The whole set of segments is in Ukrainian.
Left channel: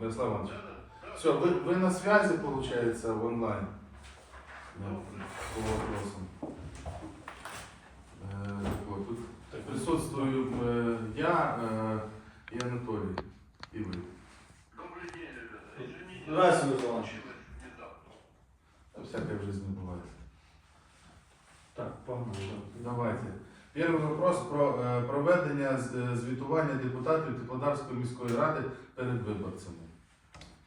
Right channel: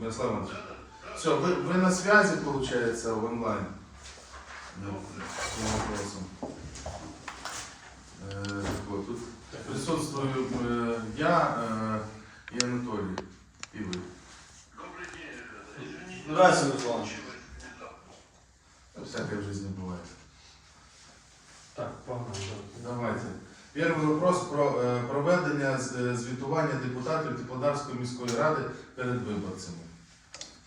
Мирослав Иванович. Все, вы, вы на связи, получается, в онлайн? Ну, по вопросам. Э, вот, тут присутствую э, я э, и Анатолий, и вы. Здравствуйте, Руслан Иванович. Ну, Всякое в жизни бывает. Так, погнали. Давайте. Перший вопрос про е, проведення з- е, звітування депутатів Теплодарської міської ради перед виборцями.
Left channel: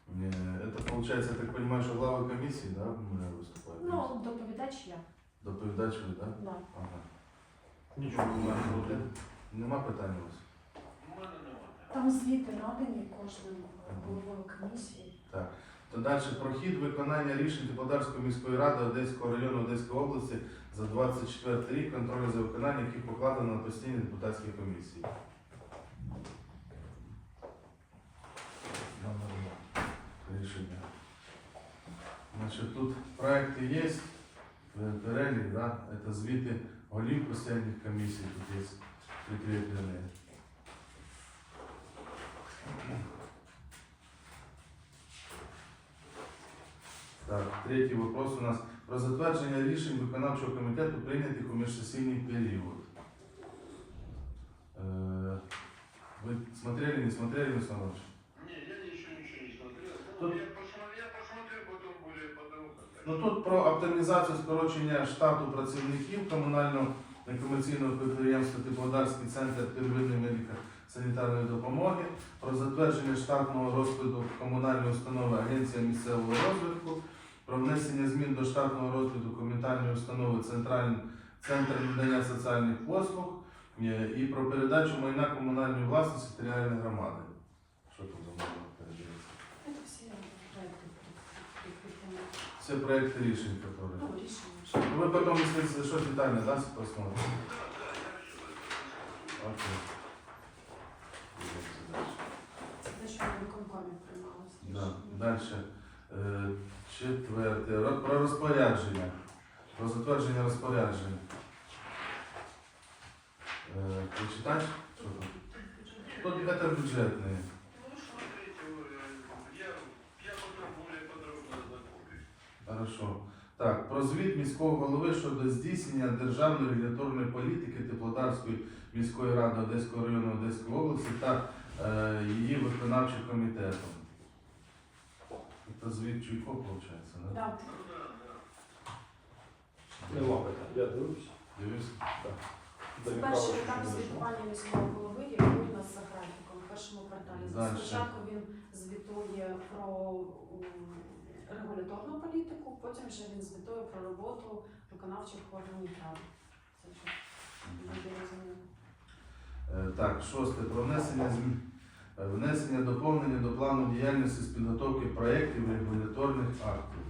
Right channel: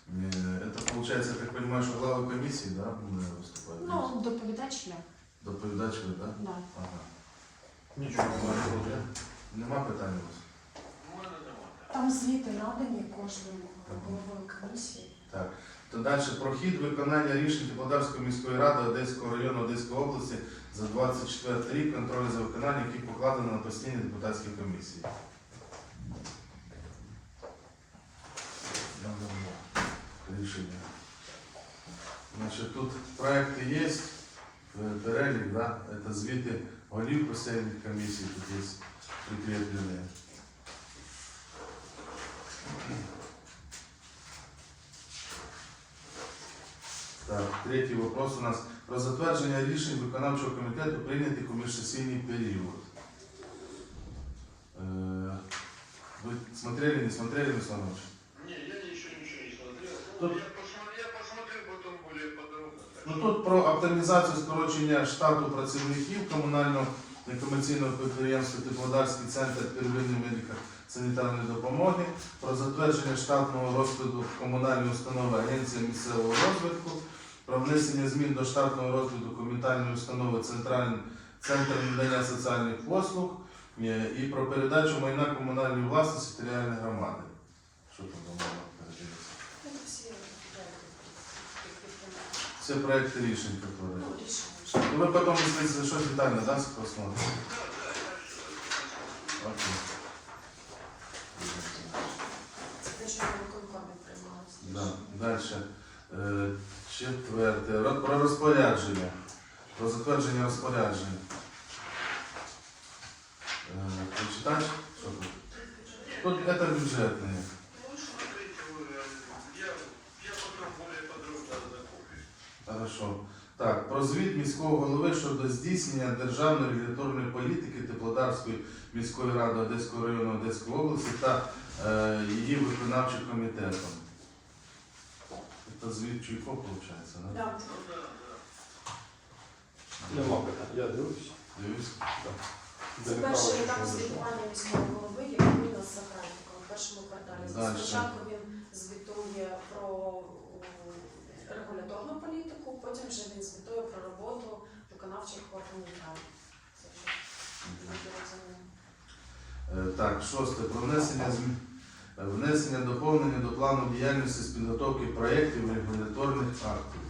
Е, Это получается, я так понимаю, що глава комісії, да, буде виступати? Ну, доповідач я. Доповідач ви, да? Да. Ага. Нічого не маю. Нема питань у вас? Там звіти надані кожному головою комісії. Так. То далі про хід виконання рішень Теплодарської міської ради Одеського району Одеської області за 24 рік, контроль за виконанням, яких покладено на постійні депутатські комісії. Рішення. Значить, тут проекти є, е, перелік, да? це звіти голів постійних комісій, тут є прикріплені. Так, третій вопрос у нас про затвердження рішень виконавчого комітету прийнятих у міжсесійний період. Е, Ви смотрели, не смотрели, Руслан Иванович? Тут-. Ну тут про оптимізацію скорочення штату працівників комунального некомерційного підприємства Теплодарський центр первинної медико-санітарної допомоги, про затвердження штатного розкладу комунальної установи Агенція місцевого розвитку, про внесення змін до штатного розкладу комунальної установи Центральний центр надання соціальних послуг і про передачу майна комунальної власності територіальної громади. Що можна прикріплені. Це проекти рішень, які. Ну, Вы потом, если что, детально, да, посмотрите? Окей. Це. Да. Дальше. Е, Четверте. Про розпорядження. Про затвердження розпорядження. Е, Ти читаєш? Тут? Это бюджетне. Про звіт міського голови щодо здійснення державної регуляторної політики Теплодарської міської ради Одеського району Одеської області та е, її виконавчим комітетом. Це звіт Чуйко, виходить, да, да. Нема питань. Я дивлюсь. Дивись. Це перший етап звітування міського голови, який у нас за графіком, в першому кварталі. Спочатку він звітує про регуляторну політику, потім вже він звітує про роботу виконавчих органів ради. Е, Так, шосте. Про внесення змін. е, Внесення доповнення до плану діяльності з підготовки проєктів регуляторних актів.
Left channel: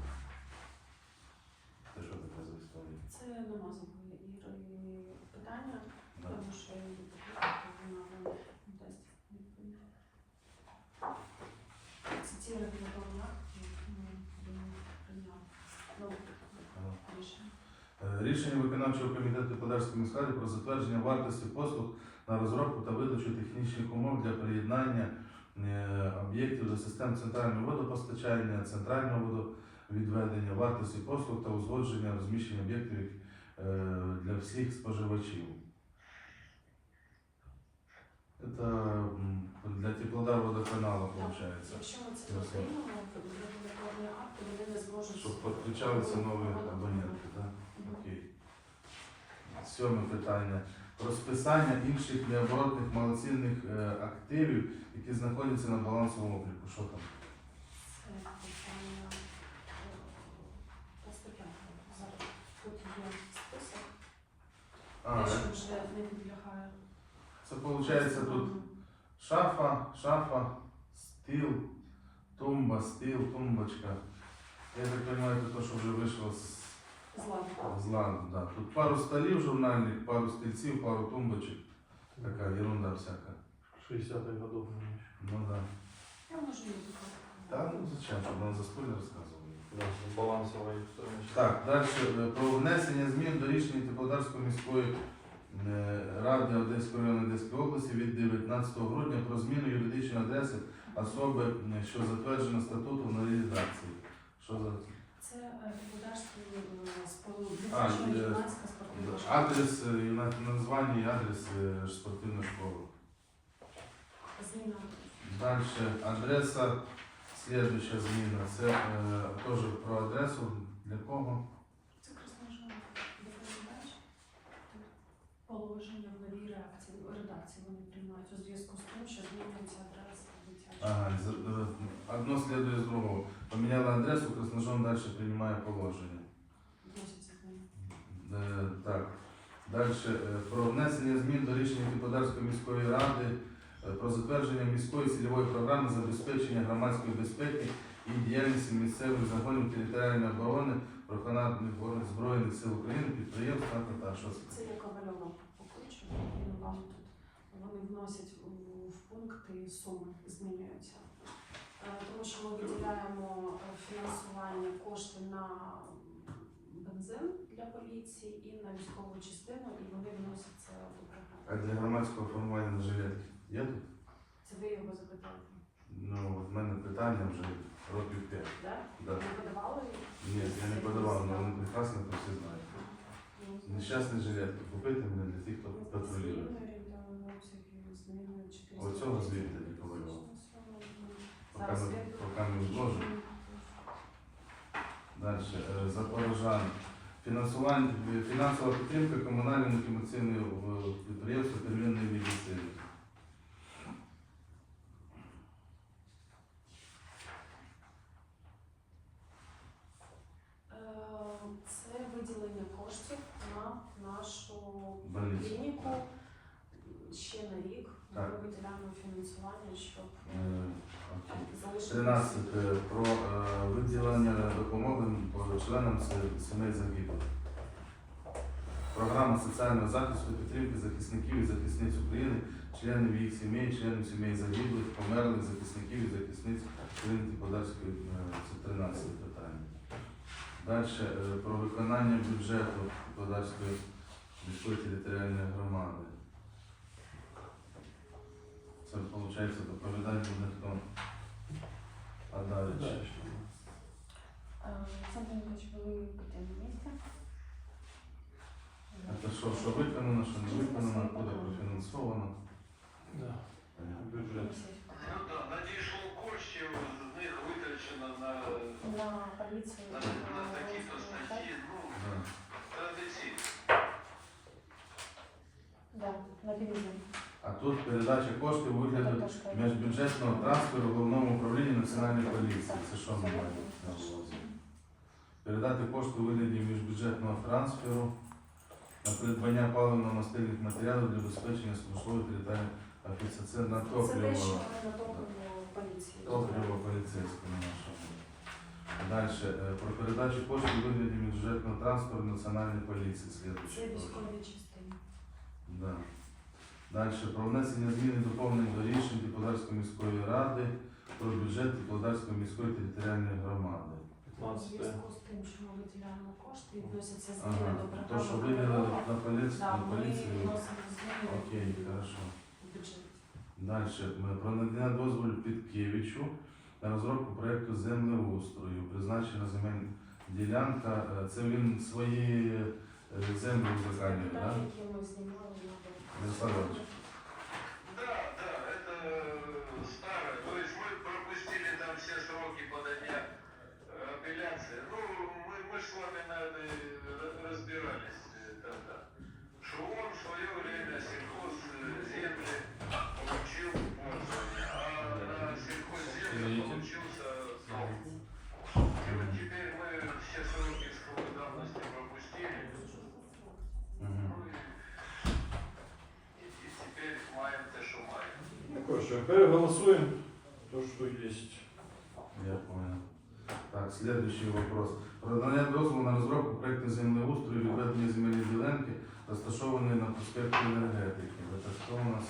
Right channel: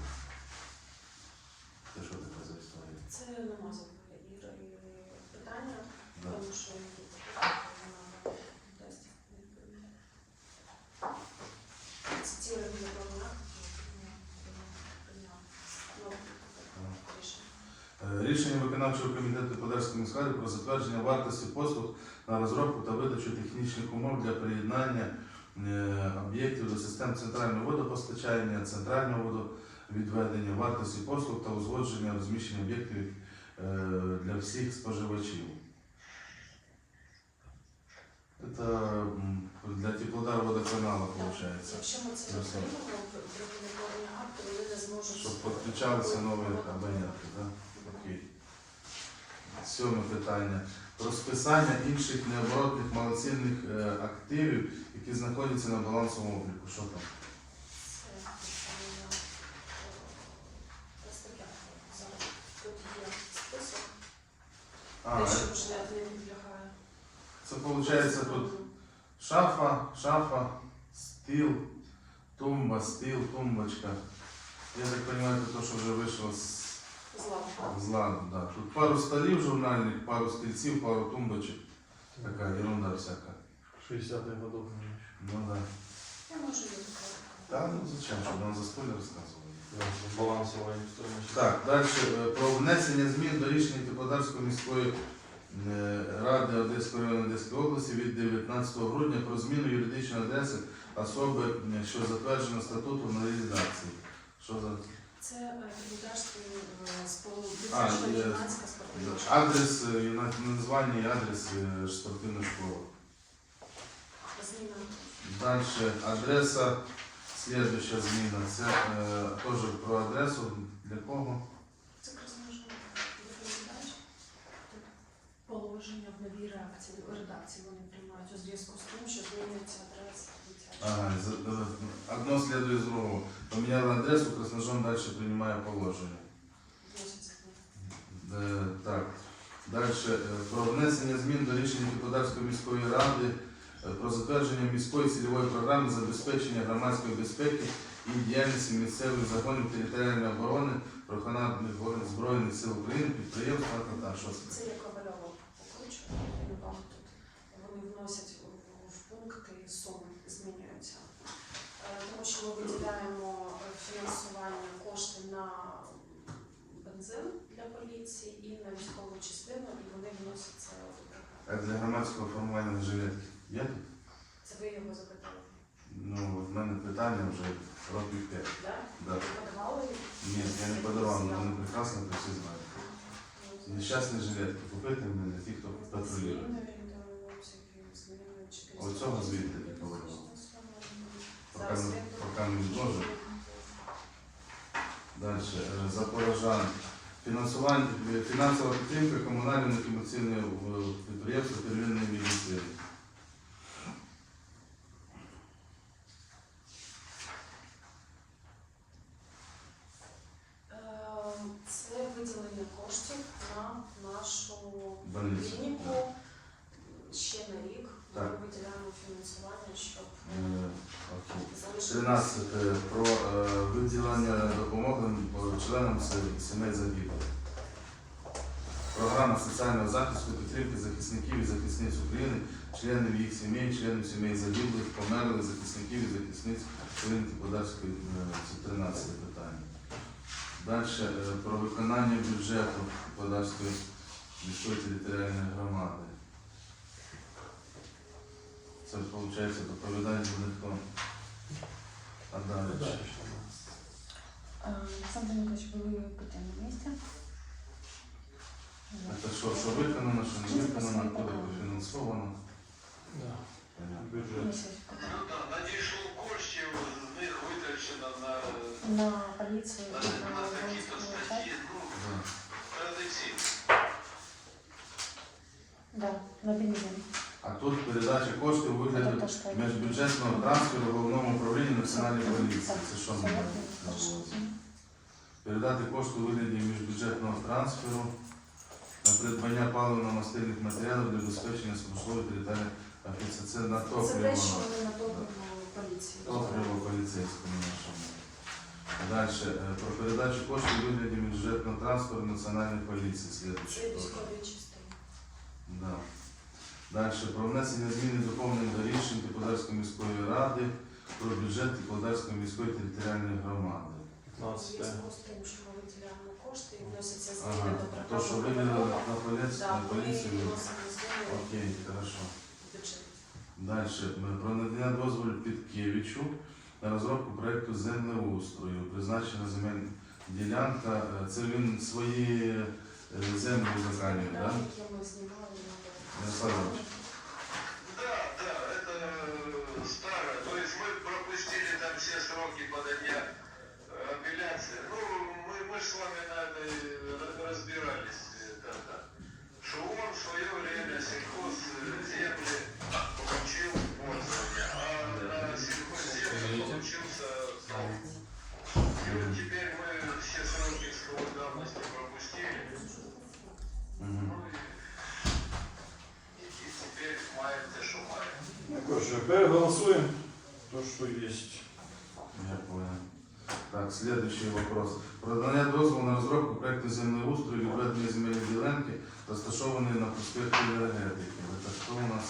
Це що таке за історія? Це нема забули Іри питання, Да. тому що вона дасть відповідь. Це ті регуляторні акти, які він прийняв. Ну, рішення. Е, Рішення виконавчого комітету Подальської міськради про затвердження вартості послуг на розробку та видачу технічних умов для приєднання е, об'єктів до систем центрального водопостачання, центрального водовідведення, вартості послуг та узгодження розміщення об'єктів е, для всіх споживачів. Це для теплодар водоканалу виходить. Якщо ми це все. приймемо, вони не зможуть... Щоб підключалися нові абоненти, так? Сьоме питання. Про списання інших необоротних малоцінних е, активів, які знаходяться на балансовому обліку. Що там? Це А, виходить тут шафа, шафа, стіл, тумба, стіл, тумбочка. Я так розумію, це те, що вже вийшло з. З ладу. Да. Тут пару столів журнальних, пару стільців, пару тумбочок. Така ерунда всяка. 60-х годов. Ну да. Я можу її показати. Та ну зачем, щоб нам за столі розказували. Балансова. Так, далі про внесення змін до рішення Теплодарської міської е, ради Одеського району Одеської області від 19 грудня про зміну юридичної адреси особи, е, що затверджено статутом на редакції. Що за Це е, юнацька спортивна школа. адрес, е, на- названня і адрес е, спортивної школи. Зміна. Дальше адреса, следующая зміна. Це е, теж про адресу. Для кого? Це розмежно. Положення в новій реакції, редакції вони приймають у зв'язку з тим, що змінюється адреса е, одно следует з другого. Поміняли адресу, Красножон далі приймає положення. Е, Так. Далі про внесення змін до рішення Кіподарської міської ради е, про затвердження міської цільової програми забезпечення громадської безпеки і діяльності місцевих загонів територіальної оборони виконавчих Збройних сил України, підприємства та покручу, він вам тут. Вони вносять в- в пункти суми змінюються. Що ми виділяємо е, фінансування кошти на бензин для поліції і на військову частину, і вони вносяться до А для громадського формування на жилетки є тут? Це ви його запитали, Ну, в мене питання вже років 5. так? Да. Подавали? Ні, я не подавав, але вони прекрасно це всі знають. Нещасні жилетки купити мені для тих, хто патрулює. Оцього звідти не говорила. Поки Зараз ми, він- поки ми можемо. Далі. е, Запорожан. Фінансування, фінансова підтримка комунального некомерційного е, підприємства первинної медицини. Ем, Це виділення коштів на нашу Больницю. клініку ще на рік. Ми Так. виділяємо фінансування, щоб Е, залишити. 13. Про е, виділення допомоги по членам сімей загиблих. Програма соціального захисту підтримки захисників і захисниць України, членів їх сімей, членів сімей загиблих, померлих захисників і захисниць України Подальської е, це 13 питання. Далі про виконання бюджету Подальської міської територіальної громади. Це виходить доповідає ніхто. А далі. Дальше у нас. Александр Николаевич, вы будете на месте? Це що, що виконано, що не виконано, коли профінансовано. Да. Придбання паливно-мастильних матеріалів для забезпечення смислової територіальної офіції. Це на Це те, топливо. на топливо поліції. Топливо поліцейському нашому. Далі. Про передачу коштів у вигляді бюджетного трансферу національної поліції. Це Слідуючий теж. військові частини. Да. Далі. Про внесення змін і доповнень до рішень Теплодарської міської ради про бюджет Теплодарської міської територіальної громади. У 15 зв'язку з тим, що ми виділяємо кошти і вносяться Ага. зміни до То, що виділили на поліцію, да, на ми вносимо зміни Окей, в хорошо. бюджет. Далі. Про надання дозволу Підкевичу на розробку проєкту землеустрою. Призначена земельна ділянка. Е, Це він свої е, землі заканює, На так? які ми знімали. Ярославович. Короче, переголосуем то, что есть. Я понял. Так, следующий вопрос. Про надання дозволу на розробку проєкту землеустрою і відведення земельної ділянки, розташованої на проспекті енергетики. Це що у нас?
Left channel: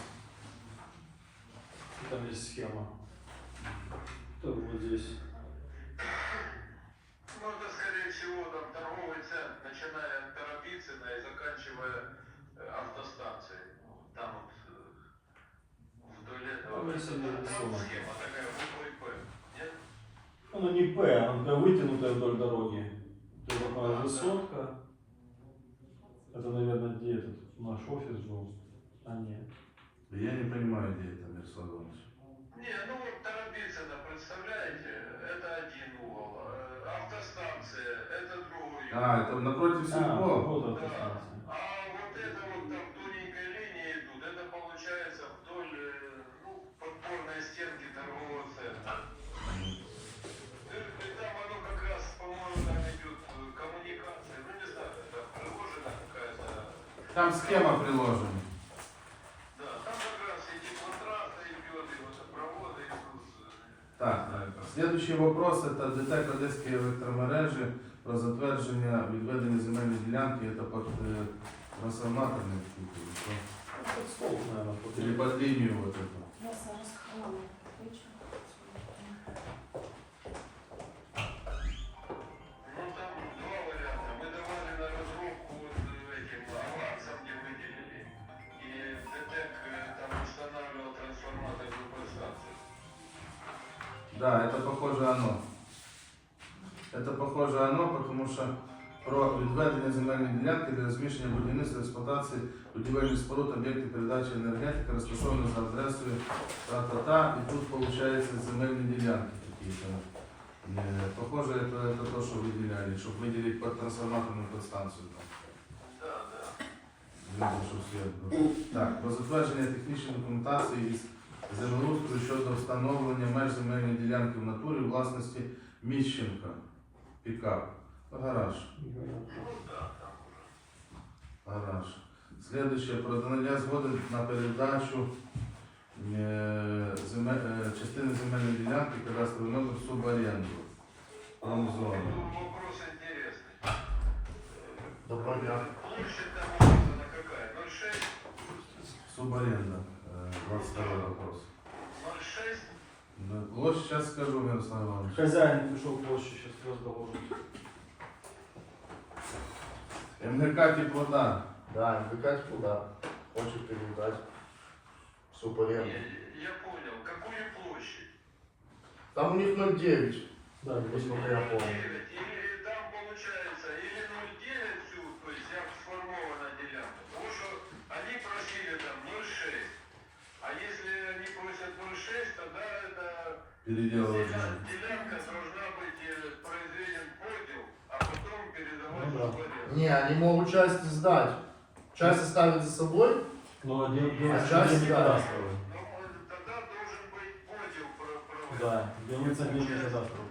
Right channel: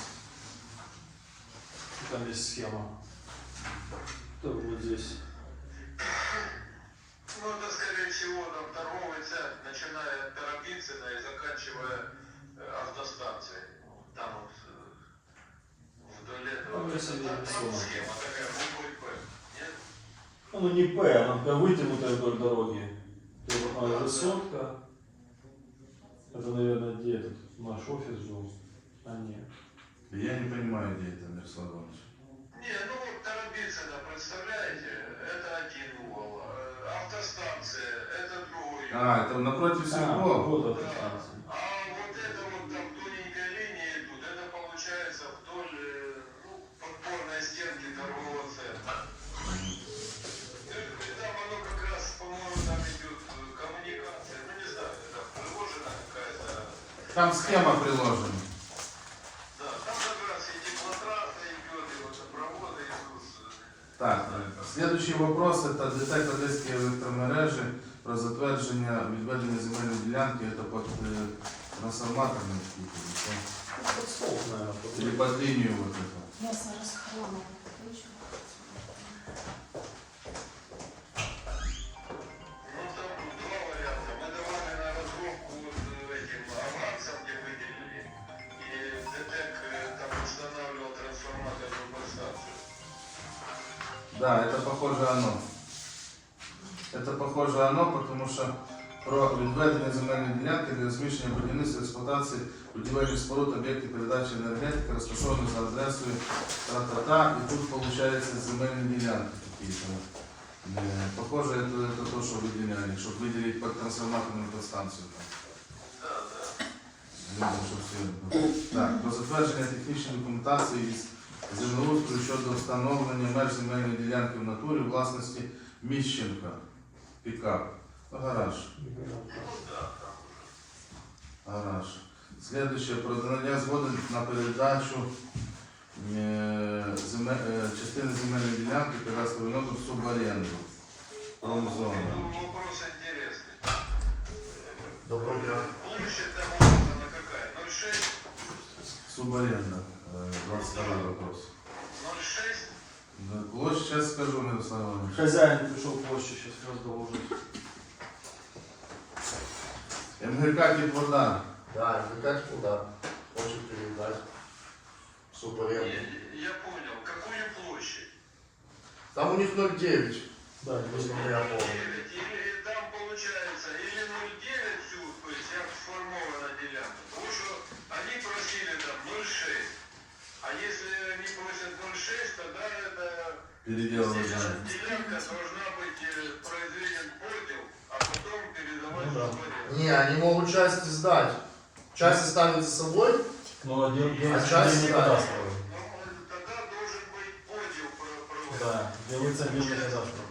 Там есть схема. То вот здесь. Это не такая Ну не П, она такая вытянутая вдоль дороги. Вот она высотка. Это, наверное, где этот наш офис был. А нет. Я не понимаю, где это, Мирослав Иванович. Не, ну вот Тарабицына, представляете, это один угол. Э, Автостанция, это другой. А, это напротив А, Сельпо. вот автостанция. Там схема приложена. Да, там как раз и теплотрасса идет, и водопроводы идут. Так, следующий вопрос это ДТЕК Одеської електромережі про затвердження відведення земельної ділянки, это под е, трансформаторний скільки, Под стол, наверное. що? Или под лінію вот это. Я зараз хрону Да, это похоже оно. Это похоже оно, потому що про відведення земельної ділянки для розміщення будівництва експлуатації будівельних споруд об'єктів передачі енергетики розташованих за адресою та-та-та, і тут виходить земельні ділянки какие-то. Е, Похоже, это, это то, что выделяли, чтобы выделить под трансформаторную подстанцию. Да, да. Видно, що все. Так, про затвердження технічної документації із землеустрою щодо встановлення меж земельної ділянки в натурі власності Міщенка. Пікап. Гараж. Гараж. Следующее. Про надання згоди на передачу е, земе- е, частини земельної ділянки кадастровий номер. Промзона. Ну. Доброго дня. Площадь там какая? 0,6? Суборенда. Е, 22 вопрос. 0,6? Ну, Площадь сейчас скажу, Мирослав Иванович. Хозяин пришел в площадь, сейчас раз доложит. МГК Теплодар. Да, какая куда? Хочет передать Я, субаренду. я понял. Какую площадь? Там у них 0,9. Да, Насколько я помню. 9, или там получается, или 0,9 всю, то есть я сформована делянка. Потому что они просили там 0,6. 6, тогда это переделывать надо. Должна быть произведен подел, а потом передавать ну, да. Не, они могут части сдать. Части ставят с собой, но один, один, а, а части не кадастровый. Тогда должен быть подел проводить. Да, делается между кадастровым.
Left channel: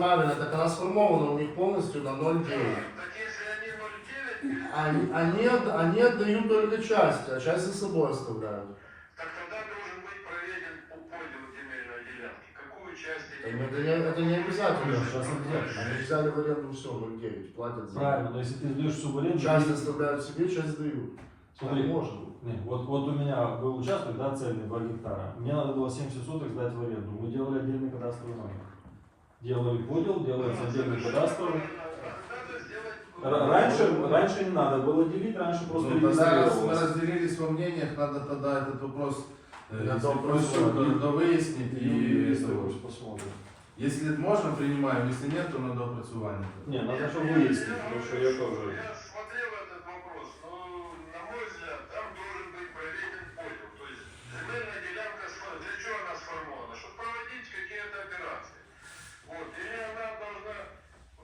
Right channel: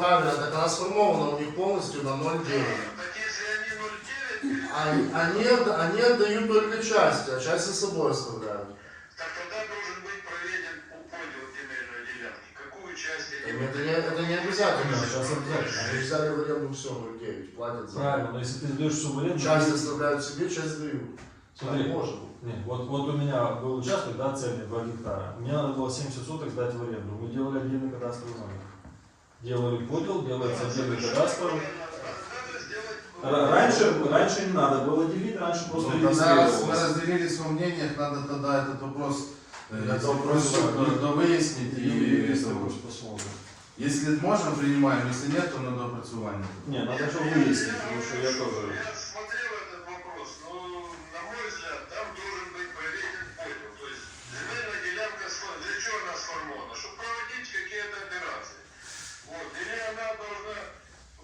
правильно, не- с сдается в аренду, них полностью на 0,9. Так если они 0,9, А они, они отдают только часть, а часть за собой оставляют. так тогда должен быть проведен подел земельной делянки. Какую часть Это не, это не обязательно. Сейчас обязательно. Они взяли в аренду все 0,9, платят за. Правильно, но если ты сдаешь субаренду... Часть оставляют себе, часть дают. Смотри, может быть. Нет, вот, вот у меня был участок, да, цельный, 2 гектара. Мне надо было 70 соток сдать в аренду. Мы делали отдельный кадастровый номер. Делали подел, делается отдельный кадастровый. Надо сделать... Р- Раньше, раньше не надо было делить, раньше просто Ну, тогда раз мы разделились во мнениях, надо тогда этот вопрос э, Я если вопрос довыяснить И и посмотрим. если можно, принимаем, если нет, то на доопрацювання. Не, надо чтобы выяснить, потому что я тоже... Я смотрел этот вопрос, но, на мой взгляд, там должен быть проведен подел. То есть земельная делянка, сфор- для чего она сформована? Чтобы проводить какие-то операции. Вот. Или она должна,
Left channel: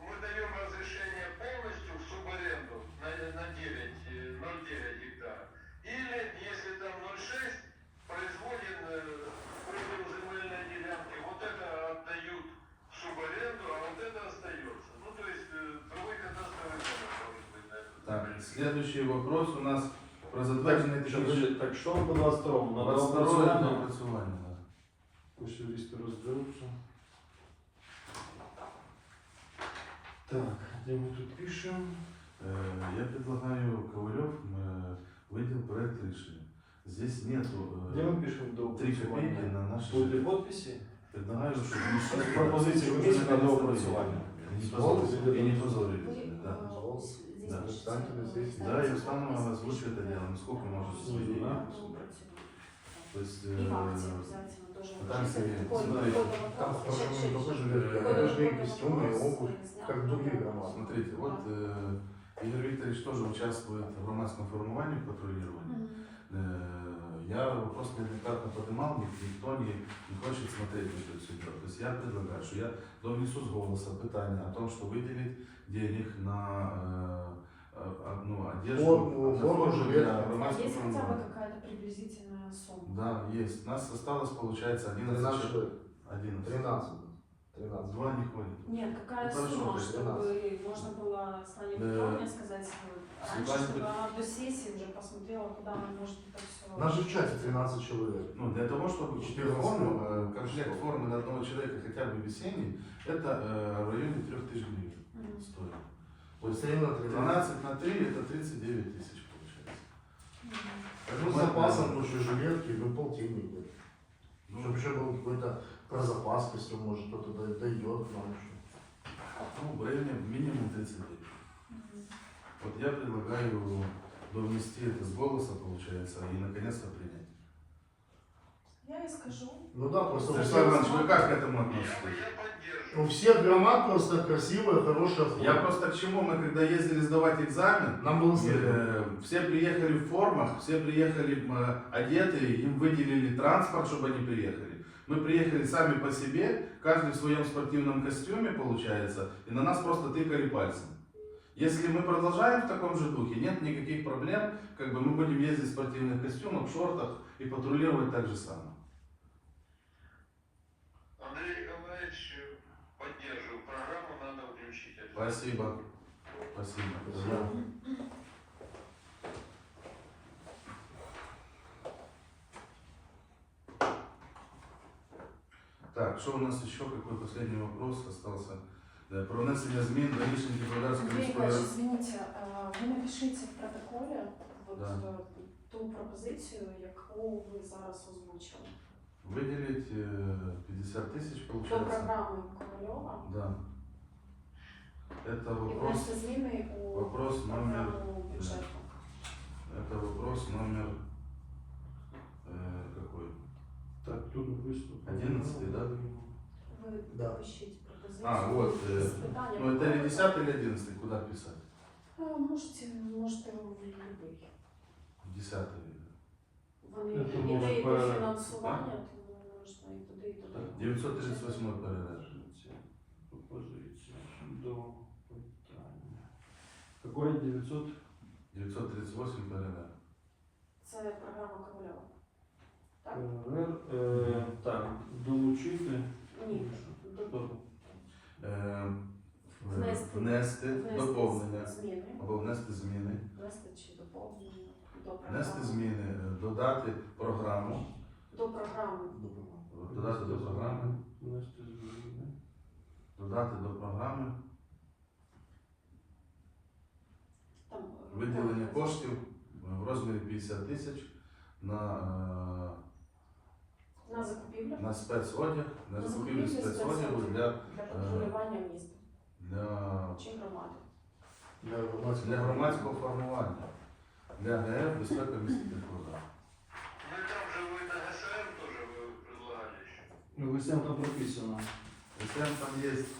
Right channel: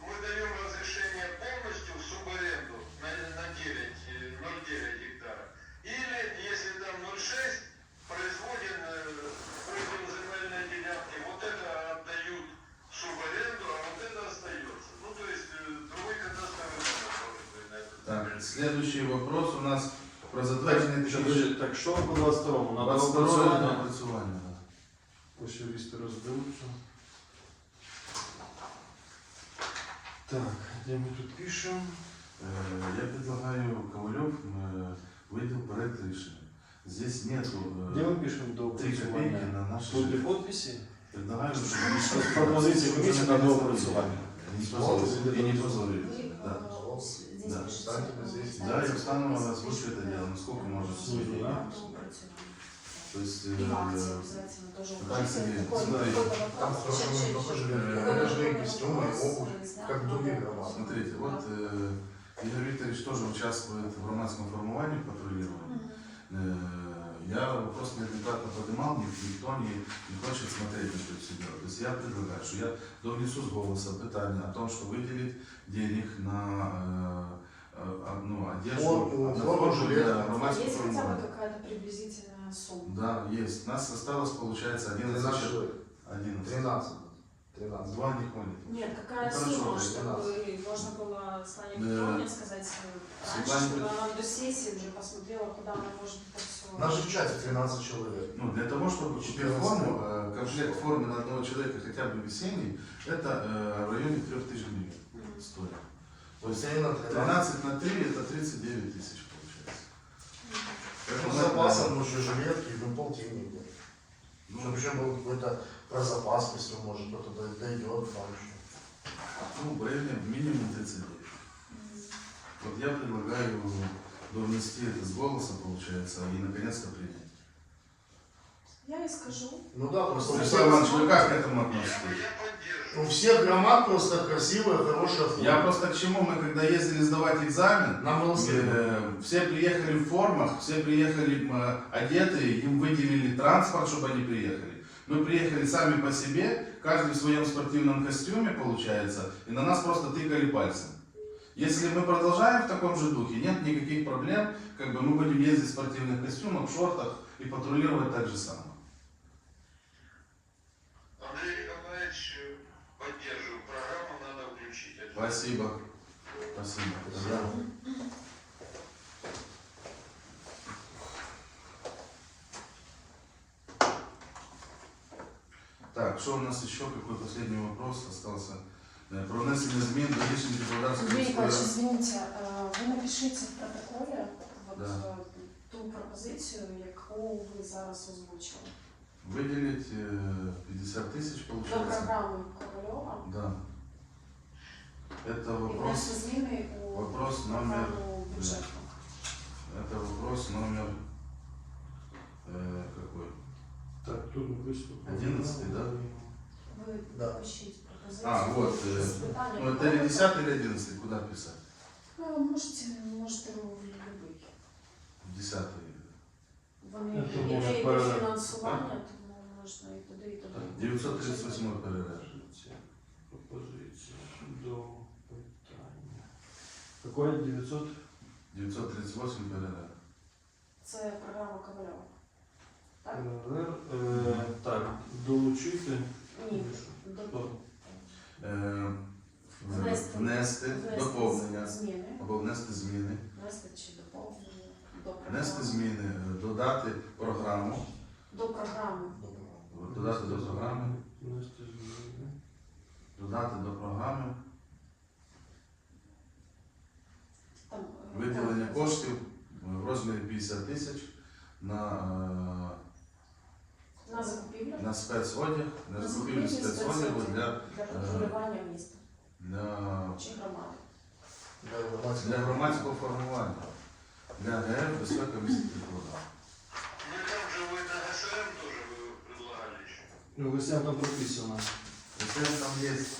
мы даем разрешение полностью в субаренду на, на 9, э, 0,9 гектара. Или, если там 0,6, производен э, подел земельной делянки, вот это отдают в субаренду, а вот это остается. Ну, то есть, э, другой кадастровый номер должен быть на этот Так, земельный. следующий вопрос у нас про затвердження Еще, технічної подожди, так что по 22-му? Надо доопрацювання. опрацювання? доопрацювання, да. Пусть юристы разберутся. Так, где мы тут пишем? Э, Я предлагаю Ковалев э, выделил проект решения. Здесь нету Где э, мы пишем до три копейки на наши Будут подписи? Предлагаю, чтобы Це пропозиція комісії на доопрацювання. Не позволили. И не позволили. Ви, Да. е, здесь Да. пишеться Встаньте на сессию. Да, и Установа озвучит это дело, насколько может судить. Да. То есть, И в акции э, обязательно тоже так учитывать. себе, Какой- смотри, какой вопрос? Там тоже Сейчас, мы сейчас, тоже сейчас. жилетки, Какой одежда и вопрос? костюмы, и обувь, Снять как надо. другие громады. Смотрите, вот э, Игорь Викторович тоже участвует в громадском формировании патрулирования. Э, Я вопрос неоднократно поднимал, ник- никто не, не хочет смотреть на это все дело. То есть я предлагаю, что я довнесу с голоса питание о том, что выделить денег на э, э, одну одежду, Форму, на форму, форму жилет. для громадского Есть хотя бы формирования. какая-то приблизительная сумма? Да, есть. У нас осталось, получается, 11 13 человек. человек. 11. 13. 13. Два не ходит. Нет, какая Ну, хорошо, сумма, чтобы можно было Слане Да. Петровне сказать раньше, Светлане чтобы она до сессии уже посмотрела, куда она может это все. У нас же в чате 13 человек. Ну, для того, чтобы 14 форму, э, комплект формы на одного человека хотя бы весенний, это э, в районе 3000 гривен стоит. То есть Постоянно 13. 13 на 3 это 39 тысяч получается. Ну, с запасом уже жилетки, ну, полтинник. Ну, Чтобы еще был какой-то про запас, если может кто-то дой- дойдет вам еще. ну, в районе минимум 39. Вот я предлагаю довнести это с голоса, получается, и наконец-то принять. Я и скажу. Ну да, просто Александр Иванович, вы как к этому относитесь? у всех громад просто красивая, хорошая форма. Я просто к чему, мы когда ездили сдавать экзамен, стыдно. Э, Все приехали в формах, все приехали э, одетые, им выделили транспорт, чтобы они приехали. Мы приехали сами по себе, каждый в своем спортивном костюме, получается, и на нас просто тыкали пальцем. Если мы продолжаем в таком же духе, нет никаких проблем, как бы мы будем ездить в спортивных костюмах, в шортах и патрулировать так же самое. Андрей Николаевич, поддерживаю. Программу надо включить. Это Спасибо. Спасибо. Так, что у нас еще? Какой последний вопрос остался? Э, Про внесення змін до рішення депутатської Андрей міської Николаевич, ради. извините, э, вы напишите в протоколі вот, Да. э, ту пропозицію, яку ви зараз озвучили. Виділить е, 50 тисяч, До виходить. програми Ковальова. Да. Это І вопрос, внести зміни у вопрос номер, програму бюджету. это вопрос номер, э, какой? Так, тут выступил. 11, да? Да. А, вот, э, ну это или 10 или 11, куда писать? Е, Можете, можете в любий. 10 Вони Це які може йде пере- фінансування, тому можна і туди, і туди. 938 передач. Пропозиція. Пропозиція до питання. Какое 900? 938 передач. Це програма Ковальова. Так? РР. Е, Так, долучити. Ні. Е, Внести. Внести доповнення Зміни. або внести зміни. Внести чи доповнення до програми. Внести зміни, е, додати програму, До програми. додати до програми, Внести зміни. додати до програми Там, е, виділення там, коштів в розмірі 50 тисяч на, На закупівлю. е, на спецодяг, на На закупівлю закупівлю спецодягу спецодягу. для, Для патрулювання міста для, чи громади. Для громадського для громадського формування, для ГР безпека міста Теплодар. Ну и там же вы на ГСМ тоже вы предлагали еще. Ну, ГСМ там прописано. Если там есть,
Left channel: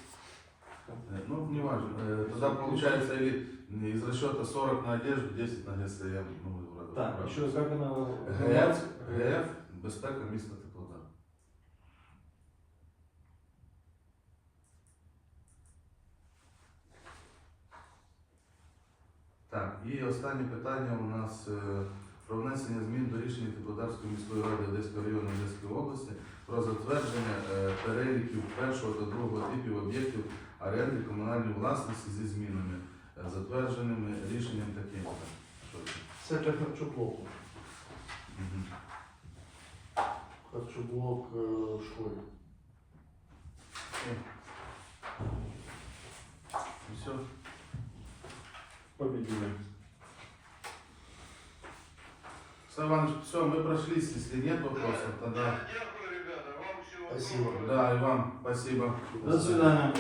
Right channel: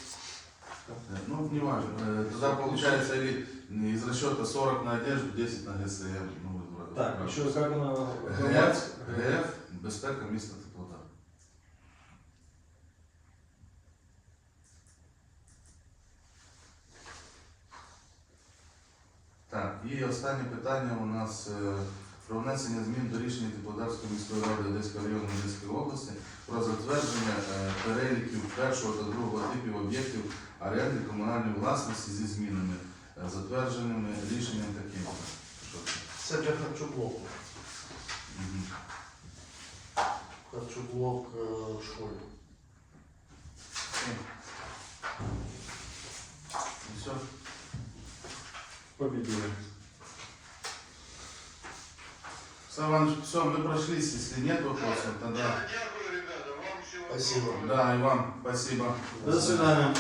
э, ну, не важно, э, тогда получается или из расчета 40 на одежду, 10 на ГСМ. Ну, вот, Так, вот. що, як вона? ГФ, ГФ, безпека міста Так, і останнє питання у нас е, про внесення змін до рішення Теплодарської міської ради Одеського району Одеської області про затвердження е, переліків першого та другого типів об'єктів оренди комунальної власності зі змінами, е, затвердженими рішенням таким. Це? Для харчоблок. Мгм. Харчоблок школі. Все? Победили. Саван, Иван, все, мы прошлись. Если нет вопросов, тогда... Дякую, ребята. Вам всего Спасибо. Да, и вам спасибо. До свидания.